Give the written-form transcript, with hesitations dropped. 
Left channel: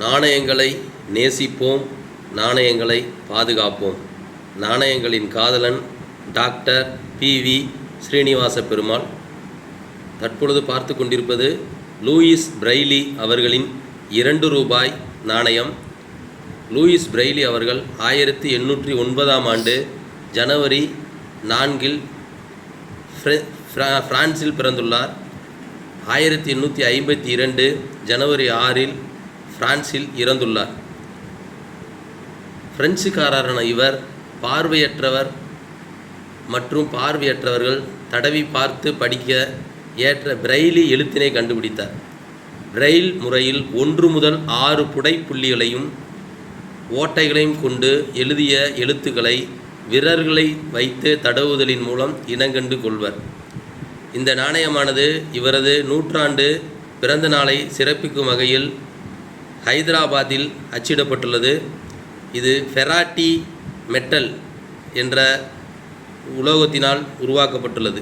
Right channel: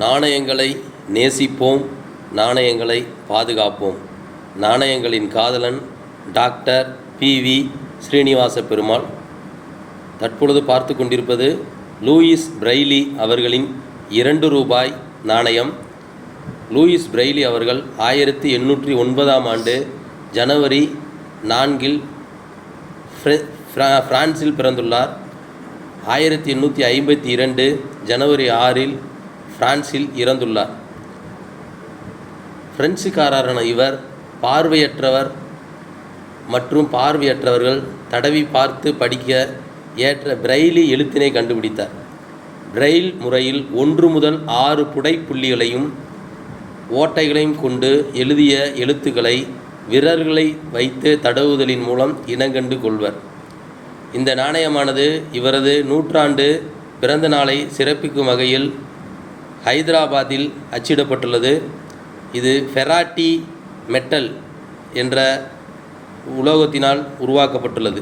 நாணயங்களை நேசிப்போம், நாணயங்களை பாதுகாப்போம். நாணயங்களின் காதலன் டாக்டர் பி.வி. ஸ்ரீனிவாச பெருமாள். தற்பொழுது பார்த்து கொண்டிருப்பது லூயிஸ் பிரெய்லி அவர்களின் 2 ரூபாய் நாணயம். லூயிஸ் பிரெய்லி அவர்கள் 1809ஆம் ஆண்டு ஜனவரி 4 பிரான்சில் பிறந்துள்ளார். 1852 ஜனவரி 6 பிரான்சில் இறந்துள்ளார். பிரெஞ்சுக்காரரான இவர் பார்வையற்றவர் மற்றும் பார்வையற்றவர்கள் தடவி பார்த்து படிக்க ஏற்ற பிரெய்லி எழுத்தினை கண்டுபிடித்தார். பிரெயில் முறையில் 1 முதல் 6 புடைப்புள்ளிகளையும் ஓட்டைகளையும் கொண்டு எழுதிய எழுத்துக்களை விரல்களை வைத்து தடவுதலின் மூலம் இனங்கண்டு கொள்வர். இந்த நாணயமானது இவரது 100ஆண்டு பிறந்த நாளை சிறப்பிக்கும் வகையில் ஹைதராபாத்தில் அச்சிடப்பட்டுள்ளது. இது ஃபெராட்டி மெட்டல் என்ற உலோகத்தினால் உருவாக்கப்பட்டுள்ளது.